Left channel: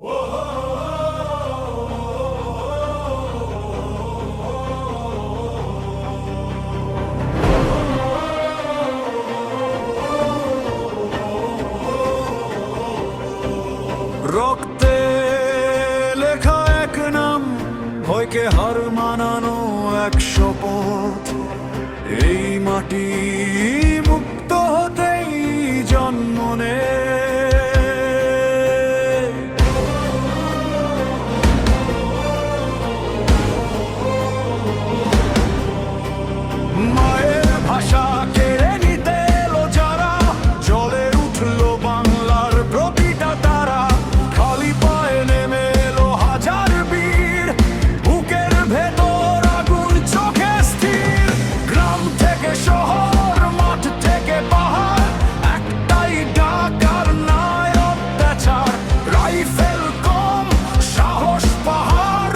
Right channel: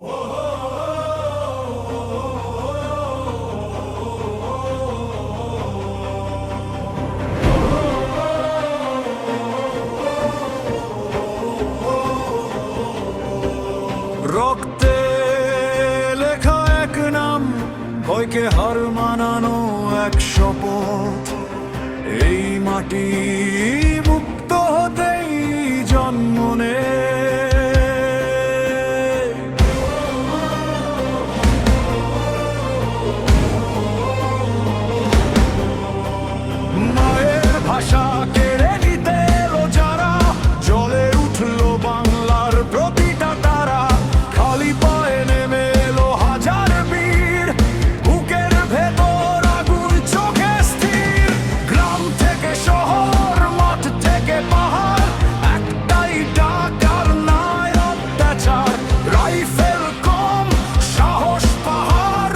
রক্তে লেখা এক নাম, ভয়কে হার মানানো এক শপথ। এই মাটি মুক্ত হতেই জন্ম নেয়। মায়ের ভাষা কেড়ে নিতে এলো যারা, জ্বলে উঠলো বাংলার প্রতিটা তারা। খালি পায়ে নেমে এলো হাজার বীর, বুকের ভেতর আগুন চোখে স্থির। গ্রাম থেকে শহর, মাঠ থেকে পাহাড়, একটাই ডাক আর নাই অত্যাচার। রাইফেল কম, সাহস পাহাড়,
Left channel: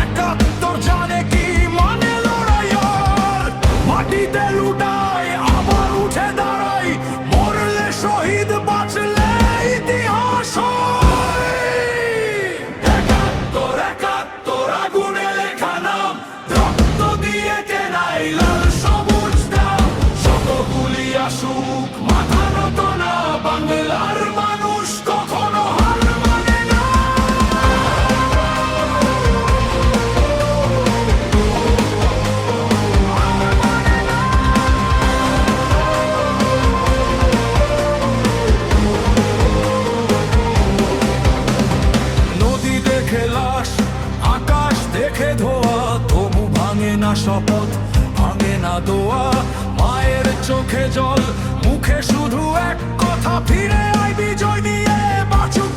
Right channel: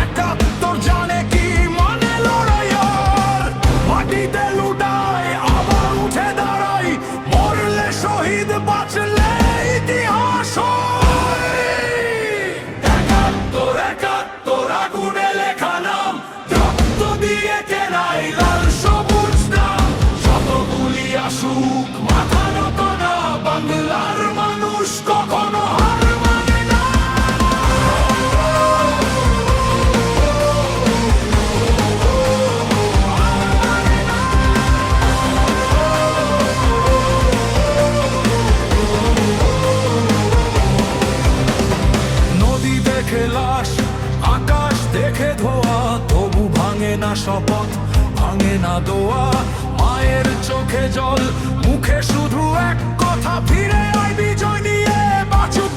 ৭১ জানে কি মানে লড়াই আর। মাটিতে লুটাই আবার উঠে দাঁড়াই, মরলে শহীদ বাঁচলে ইতিহাস হয়। ৭১ আগুনে লেখা নাম, রক্ত দিয়ে কেনাই লাল সবুজ দাম। শত গুলি আসুক মাথা নত না, বাংলার মানুষ কখনো হার মানে না। নদী দেখে লাশ, আকাশ দেখে ধোয়া, তবু ভাঙে না শপথ, ভাঙে না দোয়া। মায়ের চোখে জল, মুখে শুধু এক কথা, ফিরে আয় বিজয় নিয়ে, বাঁচুক